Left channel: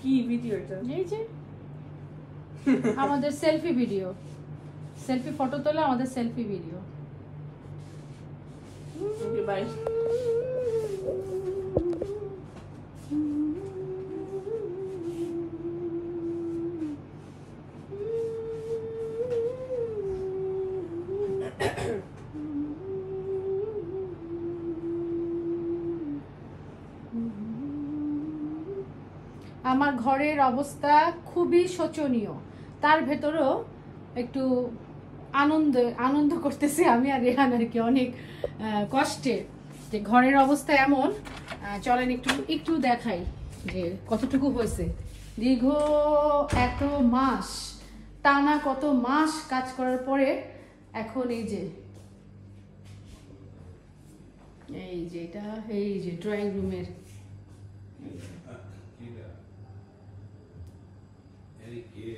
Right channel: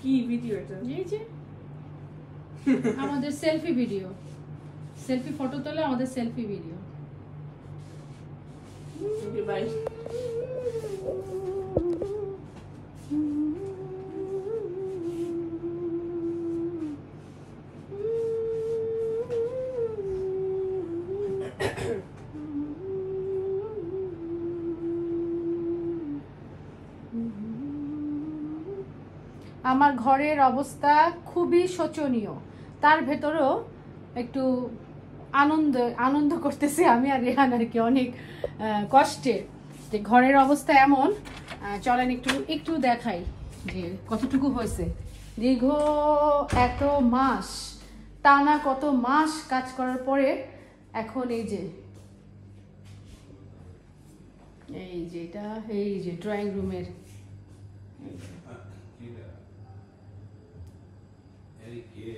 কি ভিডিও এটা? এই যে আমাদের সেলফি ভিডিও, সেলফি ফটো তোলা, আমাদের সেলফি ভিডিও। Okay bye. আমার ঘরের অবস্থা খুবই শোচনীয়, তার ভেতরেও একটু আনন্দ আনন্দ করতেছি আমি আর রেহান আর কি, অনেক কষ্টে যে ঘরের অবস্থা এমন। চলেন একটু একটু দেখাই যে কতটুকু হয়েছে। দীর্ঘ এত মাস, টানা কত মাস কাজ করার পরে এখন এই যে এটা, এই যে ড্রয়িং রুমের Era que